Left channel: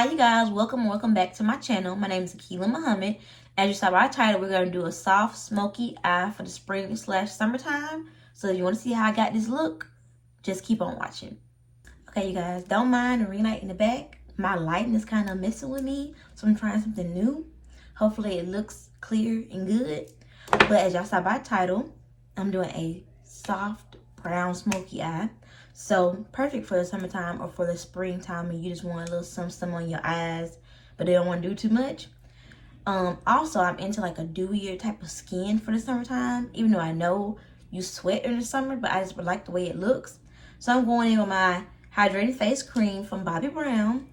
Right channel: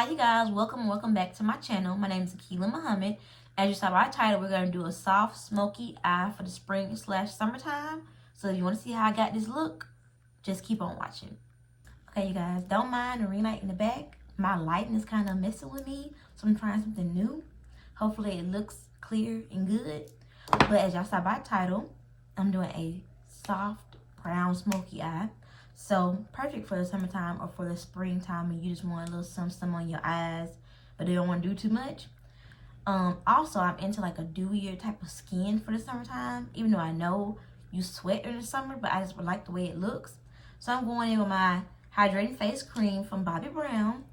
Hi you guys, welcome back to my channel. My name is Akila Muhammad. As you saw by the title, we're going to do a soft smoky eye for the spring/summertime. So if you want to see how I got this look, just keep on watching. Okay you guys, don't mind the ring light in the back. My lighting is kind of messing with me, so I'm trying something new. Hopefully it looks clear and good. But as y'all saw by the title, I'm doing a soft brown smoky eye. So perfect for the summertime or for the springtime and you just want a little something on your eyes, but they don't want to do too much. Also, I'm into like a dewier type of skin for the summertime, even though I know you sweat in the summer, but I just like the way it looks. So I'm going in with my Hydrating Face Cream from Bobbi Brown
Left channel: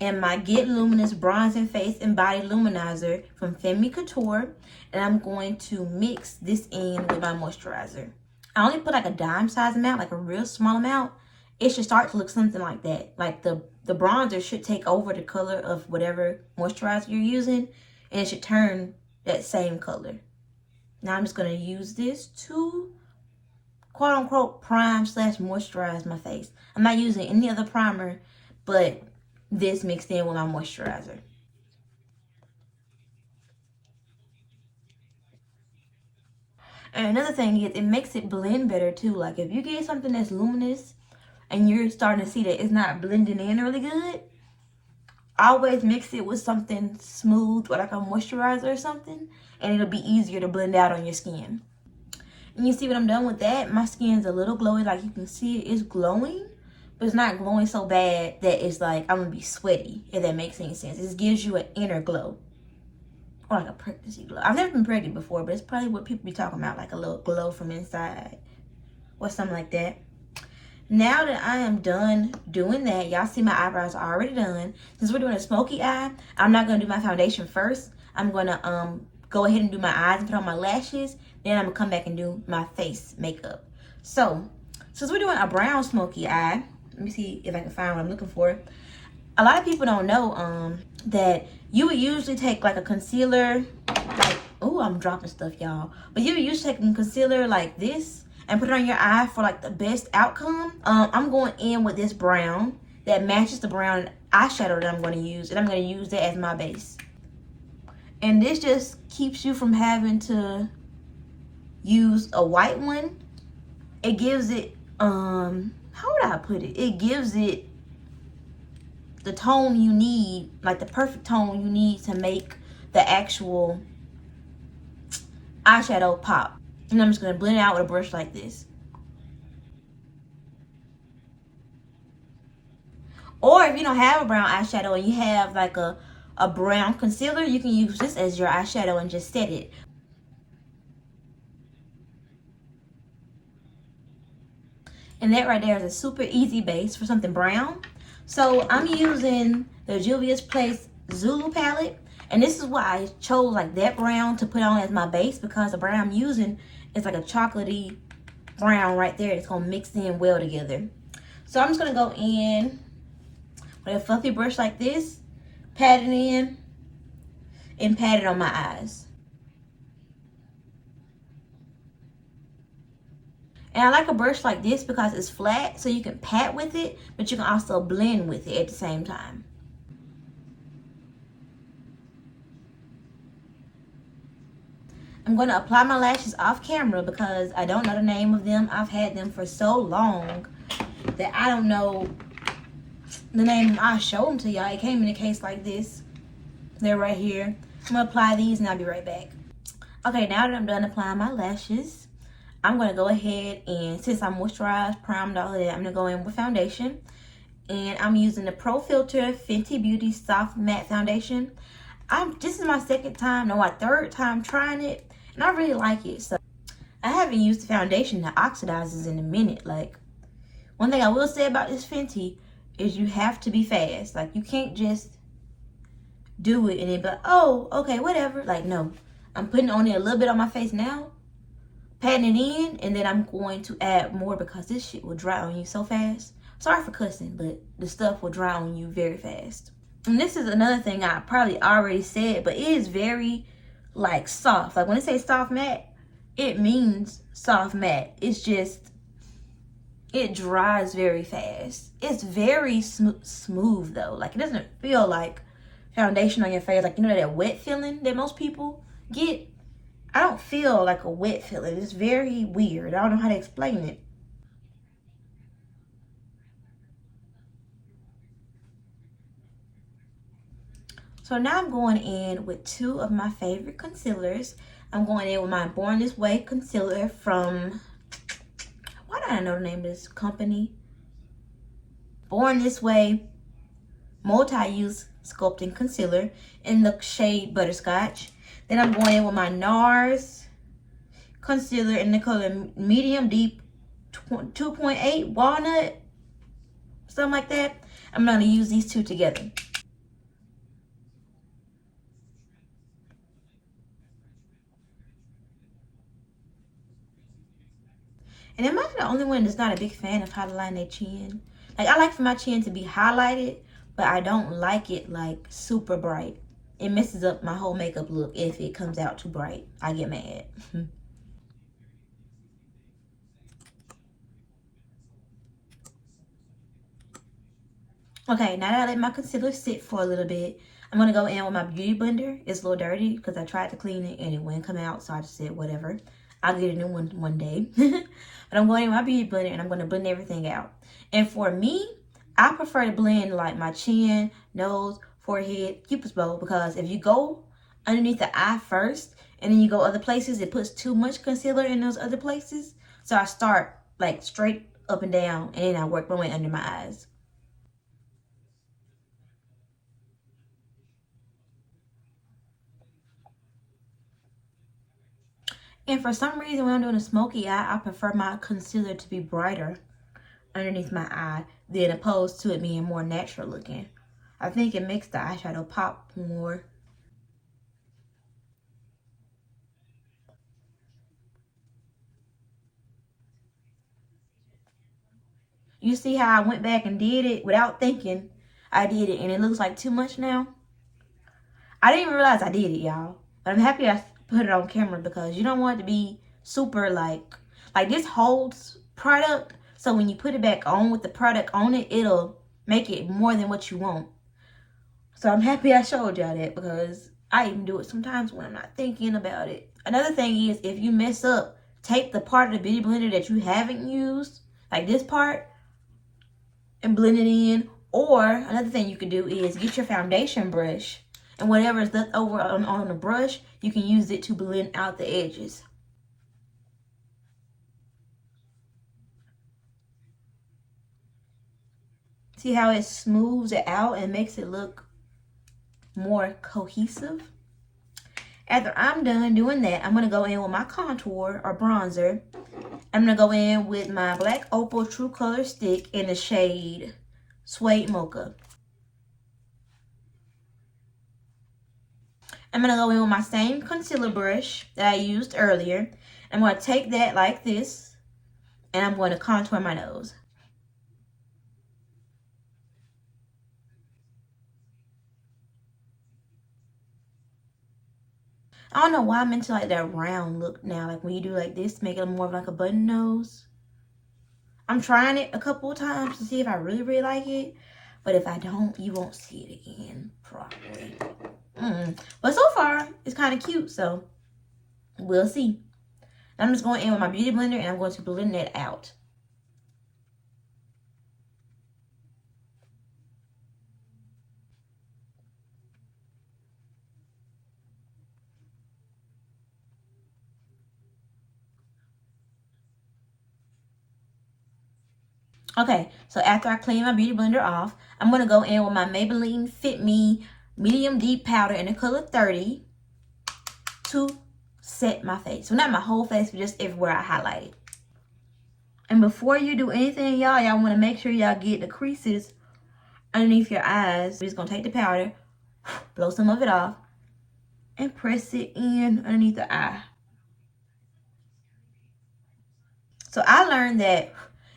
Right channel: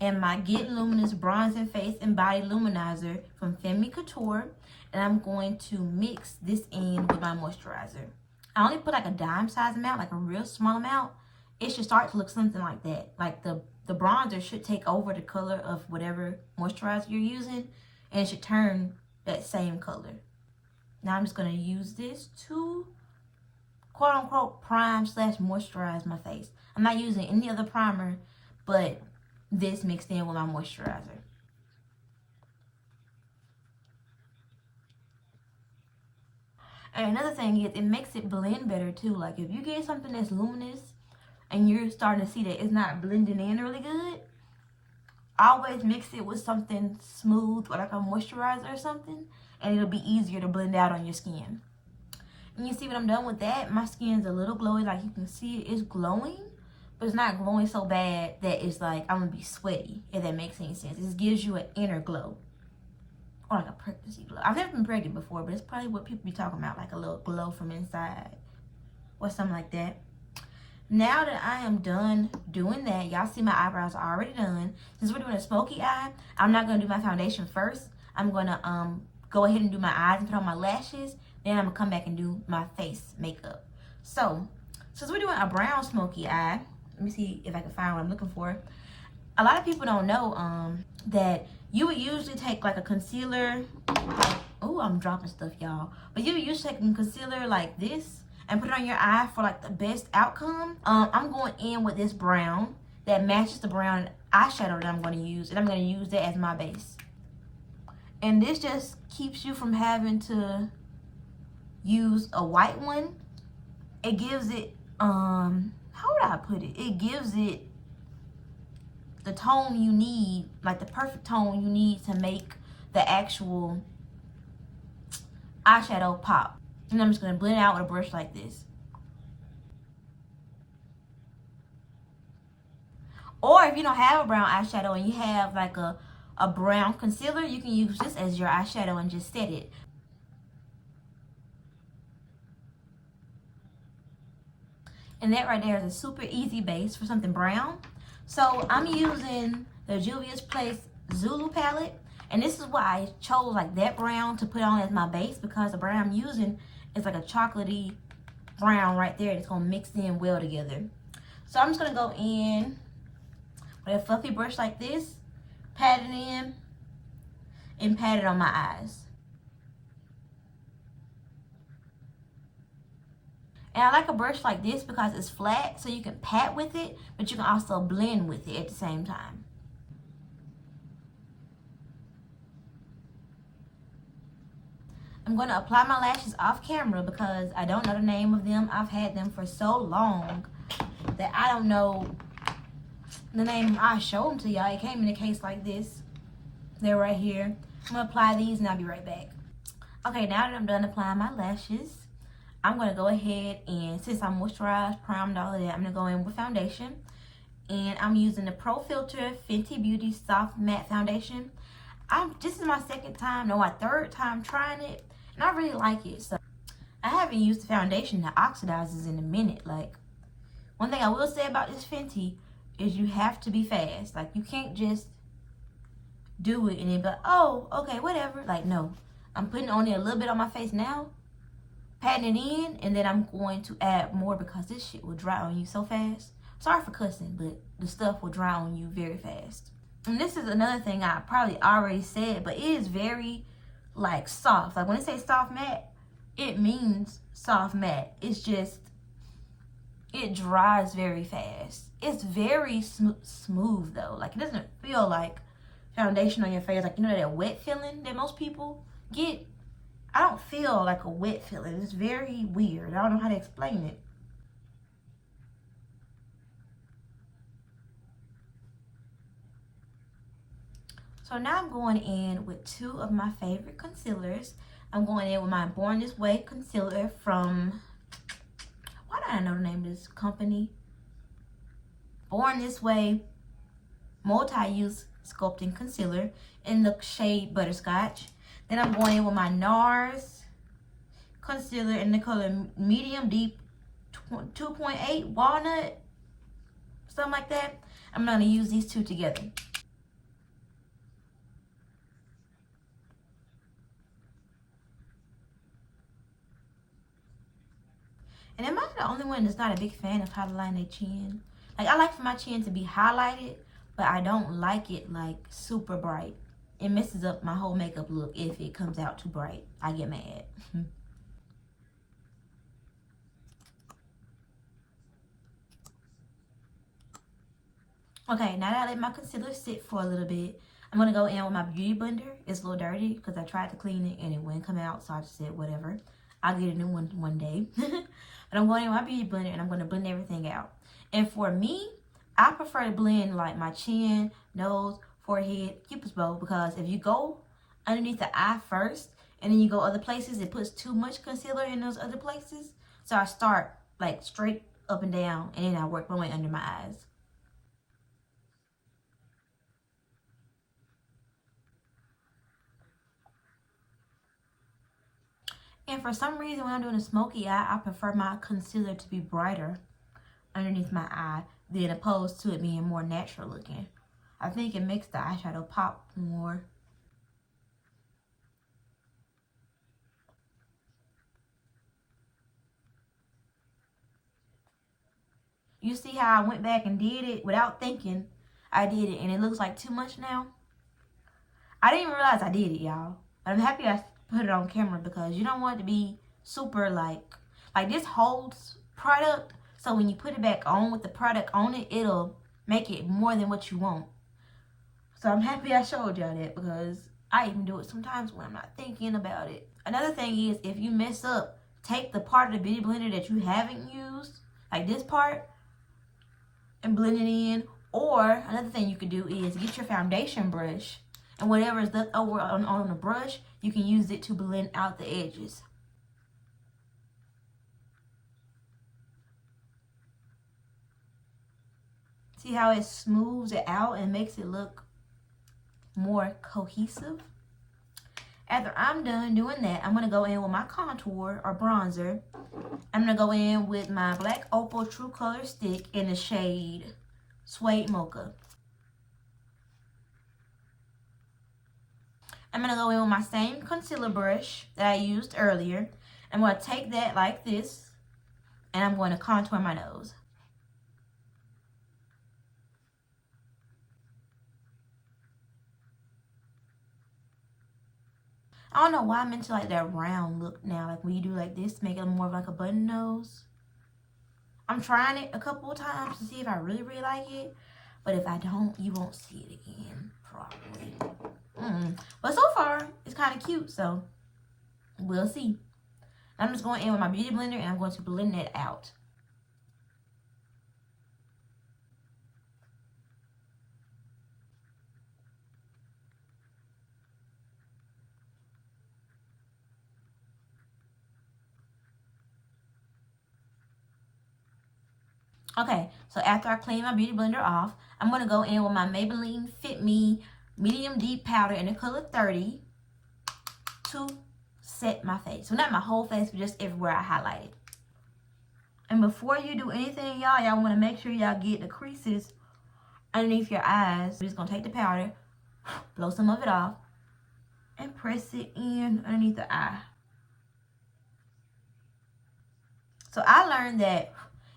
and my Get Luminous Bronzing Face and Body Luminizer from Femme Couture. And I'm going to mix this in with my moisturizer. I only put like a dime size amount, like a real small amount. It should start to look something like that. Like the bronzer should take over the color of whatever moisturizer you're using, and it should turn that same color. Now I'm just going to use this to quote unquote prime/moisturize my face. I'm not using any other primer but this mixed in with my moisturizer. And another thing is, it makes it blend better too. Like if you get something that's luminous and you're starting to see that it's not blending in really good, always mix it with something smooth or like a moisturizer or something, and it'll be easier to blend out on your skin. And you see what I'm done with that? My skin's a little glowy. Like you can see it's glowing, but it's not glowing so bad that it's like I'm gonna be sweaty, if that makes any sense. It gives you an inner glow. Or like a pregnancy glow. I've never been pregnant before, but it's probably what people be talking about, like a little glow from inside or something like that. Now that I am done doing that, y'all see my eyebrows are already done. Since we're doing a smoky eye, I'm not going to do my foundation first. I'm going to go ahead and do my eyes and put on my lashes. Then I'm going to come back and do my face makeup. So, since we're doing a brown smoky eye, let me see if I can find what I'm looking for. A lot of people don't know that you would usually take like a concealer, like, oh, I'm dropping stuff, y'all. But you would usually take a concealer like this and put it on your eye for like the best outcome. I'm going in with this brown that matches the brown eyeshadow that I'm going to use, and I'm going to use that as my base. And this just keeps you from having to use a white one. It gives it, how would I put it? It gives it the tone you need, like the perfect tone you need to make the actual eyeshadow pop. And I'm just going to blend it out with a brush like this. Or if you don't have a brown eyeshadow and you have like a brown concealer, you can use this as your eyeshadow and just set it. And that right there is a super easy base for something brown. So I'm using the Juvia's Place Zulu palette, and this is why I chose like that brown to put on as my base, because the brown I'm using is like a chocolatey brown right there. It's gonna mix in well together. So I'm just gonna go in with a fluffy brush like this, pat it in, and pat it on my eyes. And I like a brush like this because it's flat, so you can pat with it, but you can also blend with it at the same time. I'm going to apply my lashes off camera because I don't know the name of them. I've had them for so long that I don't know the name. I'll show them to y'all. It came in a case like this. They're right here. I'm going to apply these and I'll be right back. Okay, now that I'm done applying my lashes, I'm going to go ahead and, since I'm moisturized, primed, all of that, I'm going to go in with foundation. And I'm using the Pro Filter Fenty Beauty Soft Matte Foundation. This is my third time trying it, and I really like it. So I haven't used the foundation that oxidizes in a minute. Like, one thing I will say about this Fenty is you have to be fast. Like, you can't just do it and then be like, oh, okay, whatever. Like, no. I'm putting on it a little bit on my face now, patting it in, and then I'm going to add more because this shit will dry on you so fast. Sorry for cussing, but the stuff will dry on you very fast. And this is another thing I probably already said, but it is very like soft. Like when it says soft matte, it means soft matte. It's just it dries very fast. It's very smooth though. Like, it doesn't feel like foundation on your face. Like, you know that wet feeling that most people get? I don't feel like a wet feeling. It's very weird. I don't know how to explain it. So now I'm going in with two of my favorite concealers. I'm going in with my Born This Way concealer from, why do I know the name of this company? Born This Way Multi-Use Sculpting Concealer in the shade Butterscotch. Then I'm going in with my NARS concealer in the color Medium Deep 2.8 Walnut, something like that. I'm going to use these two together. And am I the only one that's not a big fan of highlighting their chin? Like, I like for my chin to be highlighted, but I don't like it like super bright. It messes up my whole makeup look if it comes out too bright. I get mad. Okay, now that I let my concealer sit for a little bit, I'm going to go in with my beauty blender. It's a little dirty because I tried to clean it and it wouldn't come out, so I just said whatever. I'll get a new one day. But I'm going in with my beauty blender and I'm going to blend everything out. And for me, I prefer to blend like my chin, nose, forehead, cupid's bow, because if you go underneath the eye first and then you go other places, it puts too much concealer in those other places. So I start like straight up and down and then I work my way under my eyes. And for some reason, when I'm doing a smoky eye, I prefer my concealer to be brighter underneath my eye than opposed to it being more natural looking. I think it makes the eyeshadow pop more. You see how I went back and did it without thinking? I did it and it looks like too much now. I didn't even realize I did it, y'all. But I'm happy I put it on camera because you don't want it to be super like this holds product. So when you put it back on with the product on it, it'll make it more than what you want. So I'm happy I showed y'all that because I even do it sometimes when I'm not thinking about it. Another thing is, if you mess up, take the part of the beauty blender that you haven't used, like this part, and blend it in. Or another thing you can do is get your foundation brush, and whatever is left over on the brush, you can use it to blend out the edges. See how it smooths it out and makes it look more cohesive? After I'm done doing that, I'm going to go in with my contour or bronzer. I'm going to go in with my Black Opal True Color Stick in the shade Suede Mocha. I'm going to go in with my same concealer brush that I used earlier. I'm going to take that like this, and I'm going to contour my nose. I don't know why I'm into like that round look now. Like when you do like this, make it more of like a button nose. I'm trying it a couple of times to see if I really like it. But if I don't, you won't see it again, probably. But so far, it's kind of cute, so we'll see. I'm just going in with my beauty blender and I'm going to blend that out. Okay, so after I clean my beauty blender off, I'm going to go in with my Maybelline Fit Me Medium Deep Powder in the color 30 to set my face. Well, not my whole face, but just everywhere I highlighted. And before you do anything, y'all want to make sure y'all get the creases underneath your eyes. We're just going to take the powder, blow some of it off, and press it in underneath the eye. So I learned that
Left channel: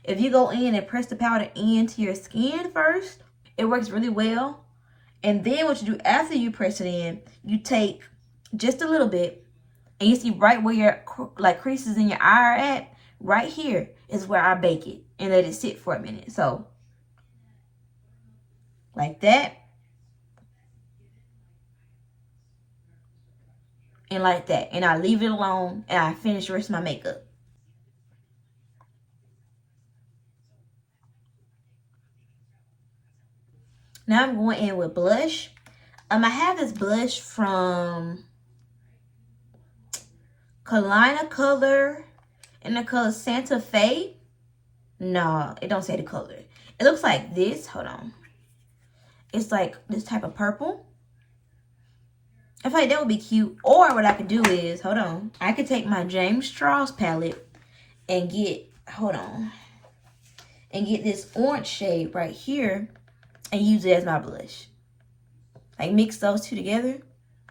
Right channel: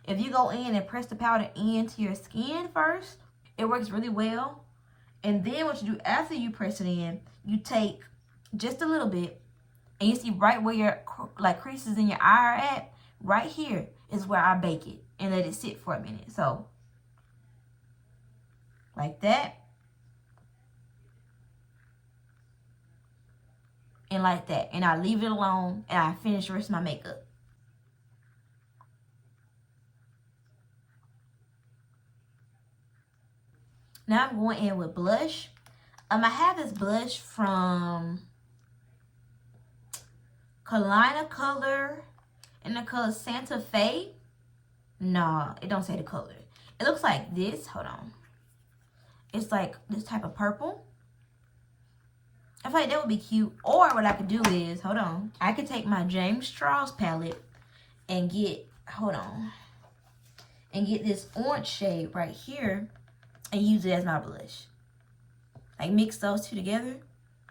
if you go in and press the powder into your skin first, it works really well. And then what you do after you press it in, you take just a little bit, and you see right where your like creases in your eye are at, right here. is where I bake it and let it sit for a minute. So, like that. And like that. And I leave it alone and I finish the rest of my makeup. Now I'm going in with blush. I have this blush from Kalina Color in the color Santa Fe. No, it don't say the color. It looks like this. Hold on. It's like this type of purple. I feel like that would be cute. Or what I could do is, hold on. I could take my James Charles palette and get, hold on. And get this orange shade right here and use it as my blush. Like mix those two together.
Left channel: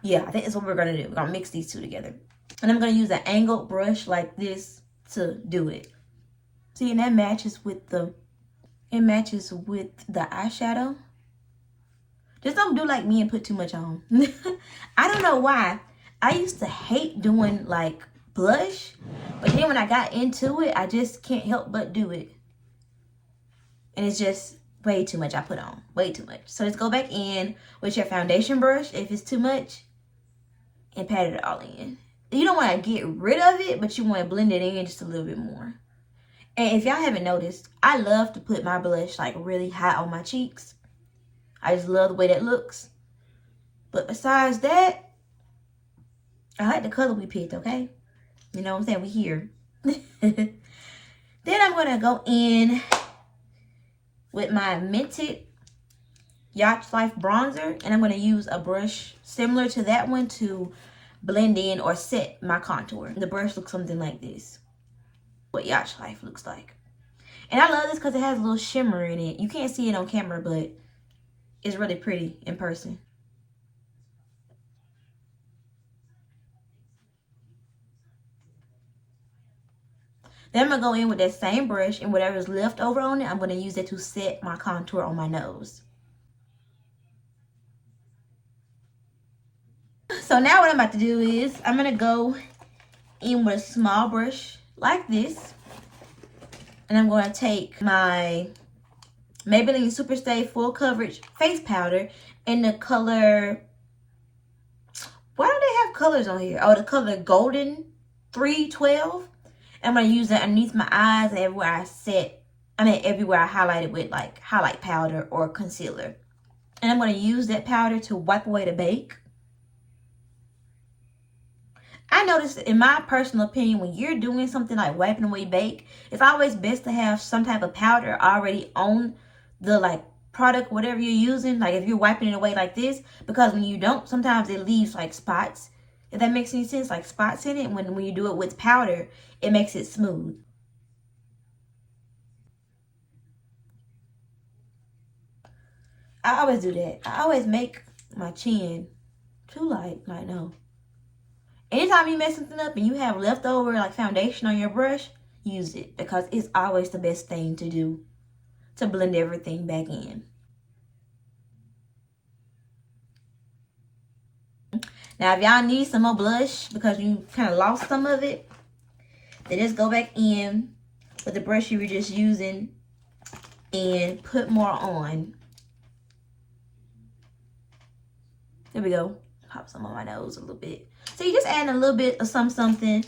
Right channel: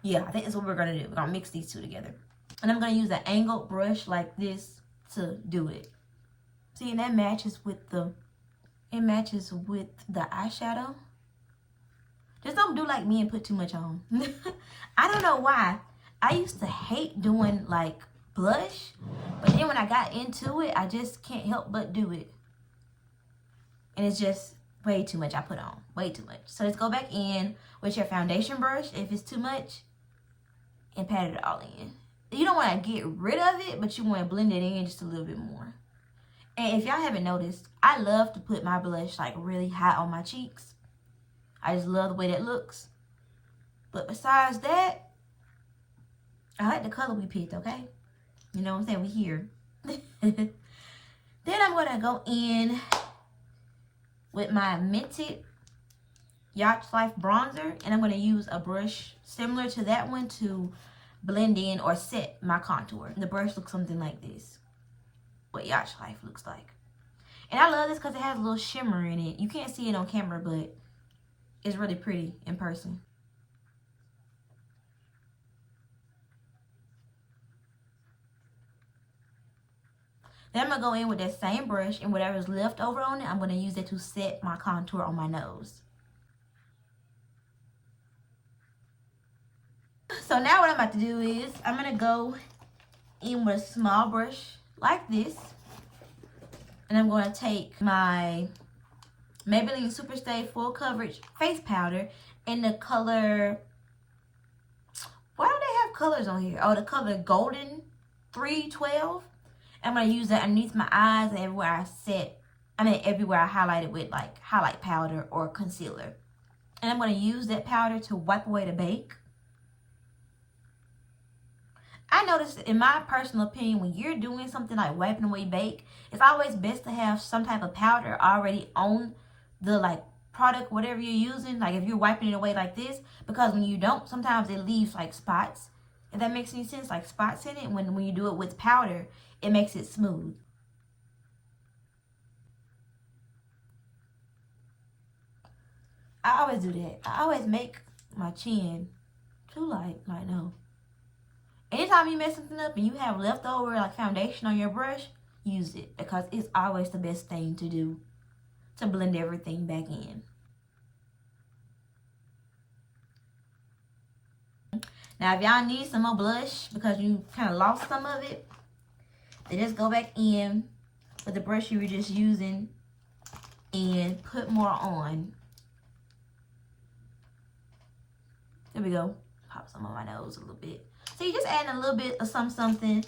Yeah, I think that's what we're going to do. We're going to mix these two together. And I'm going to use an angled brush like this to do it. See, and that matches with the, it matches with the eyeshadow. Just don't do like me and put too much on. I don't know why. I used to hate doing like blush. But then when I got into it, I just can't help but do it. And it's just way too much I put on. Way too much. So let's go back in with your foundation brush if it's too much. And pat it all in. You don't want to get rid of it, but you want to blend it in just a little bit more. And if y'all haven't noticed, I love to put my blush like really high on my cheeks. I just love the way that looks. But besides that, I like the color we picked, okay? You know what I'm saying? We here. Then I'm going to go in with my Mented Yacht Life bronzer. And I'm going to use a brush similar to that one to blend in or set my contour. The brush looks something like this. What Yacht Life looks like. And I love this because it has a little shimmer in it. You can't see it on camera, but it's really pretty in person. Then I'm going to go in with that same brush and whatever is left over on it, I'm going to use it to set my contour on my nose. So now what I'm about to do is I'm going to go in with a small brush like this. And I'm going to take my Maybelline Superstay Full Coverage Face Powder in the color, why do they have colors on here? Oh, the color Golden 312. I'm going to use that underneath my eyes and everywhere I set, everywhere I highlighted with like highlight powder or concealer. And I'm going to use that powder to wipe away the bake. I noticed, in my personal opinion, when you're doing something like wiping away bake, it's always best to have some type of powder already on the like product, whatever you're using. Like if you're wiping it away like this, because when you don't, sometimes it leaves like spots. If that makes any sense, like spots in it. When you do it with powder, it makes it smooth. I always do that. I always make my chin too light. Like, no. Anytime you mess something up and you have leftover like foundation on your brush, use it. Because it's always the best thing to do to blend everything back in. Now, if y'all need some more blush because you kind of lost some of it, then just go back in with the brush you were just using and put more on. There we go. Pop some on my nose a little bit. So you're just adding a little bit of something.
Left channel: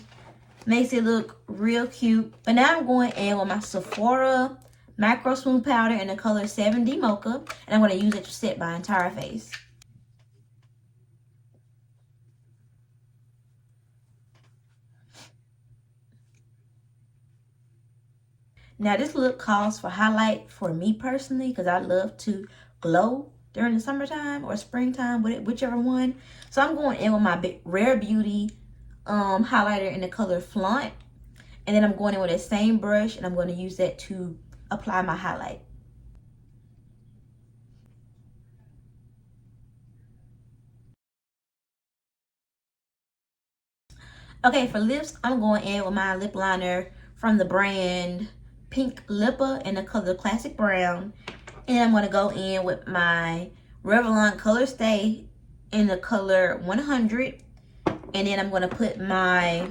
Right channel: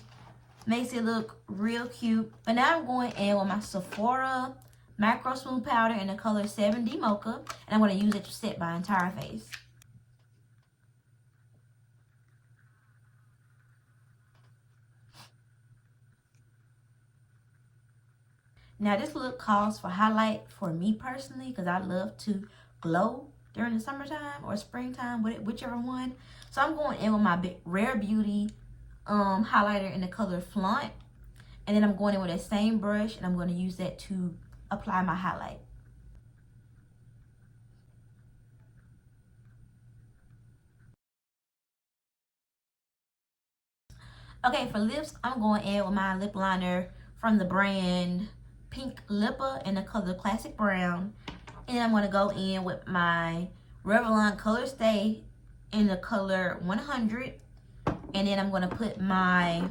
Makes it look real cute. But now I'm going in with my Sephora Macro Smooth Powder in the color 7D Mocha. And I'm going to use it to set my entire face. Now this look calls for highlight for me personally, because I love to glow during the summertime or springtime, whichever one. So I'm going in with my Rare Beauty highlighter in the color Flaunt. And then I'm going in with the same brush and I'm going to use that to apply my highlight. Okay, for lips, I'm going in with my lip liner from the brand Pink Lippa in the color Classic Brown. And I'm going to go in with my Revlon Color Stay in the color 100. And then I'm going to put my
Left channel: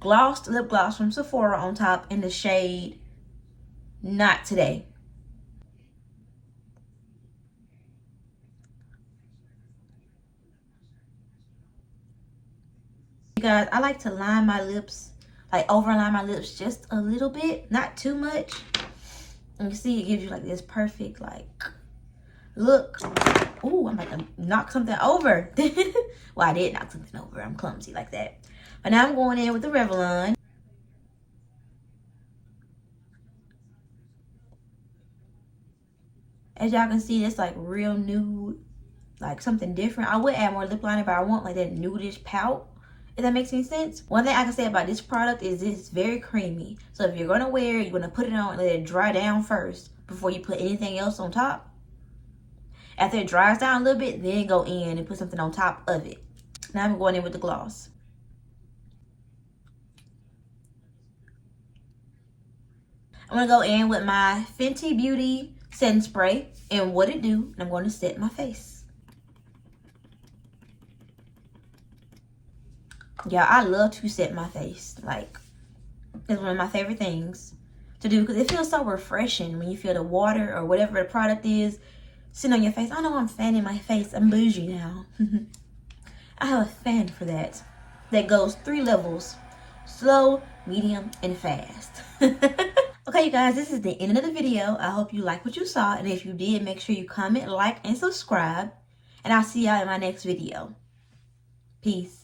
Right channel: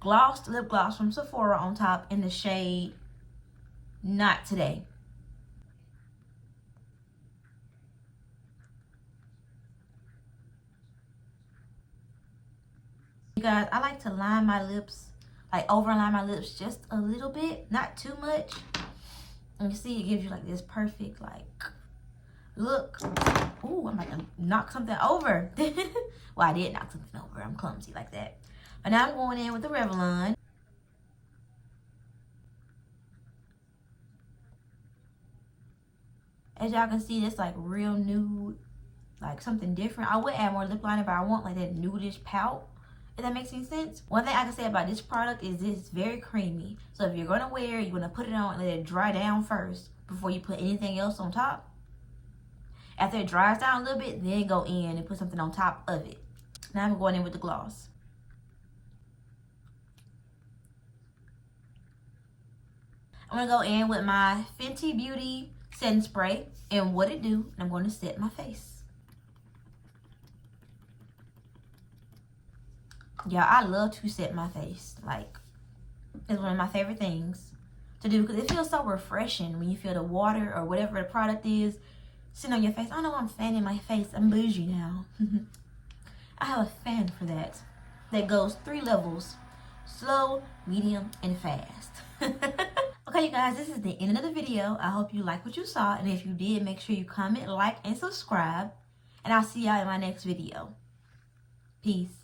glossed lip gloss from Sephora on top in the shade Not Today. You guys, I like to line my lips, like overline my lips just a little bit, not too much. And you see, it gives you like this perfect like look. Ooh, I'm about to knock something over. Well, I did knock something over. I'm clumsy like that. But now I'm going in with the Revlon. As y'all can see, it's like real nude, like something different. I would add more lip liner, but I want like that nudish pout, if that makes any sense. One thing I can say about this product is it's very creamy. So if you're gonna wear it, you're gonna put it on and let it dry down first before you put anything else on top. After it dries down a little bit, then go in and put something on top of it. Now I'm going in with the gloss. I'm gonna go in with my Fenty Beauty setting spray and What It Do, and I'm going to set my face. Yeah, I love to set my face. Like, it's one of my favorite things to do because it feels so refreshing when you feel the water or whatever the product is sitting on your face. I know I'm fanning my face. I'm bougie now. I have a fan for that. That goes 3 levels: slow, medium, and fast. Okay, you guys, this is the end of the video. I hope you like what you saw. And if you did, make sure you comment, like, and subscribe. And I'll see y'all in my next video. Peace.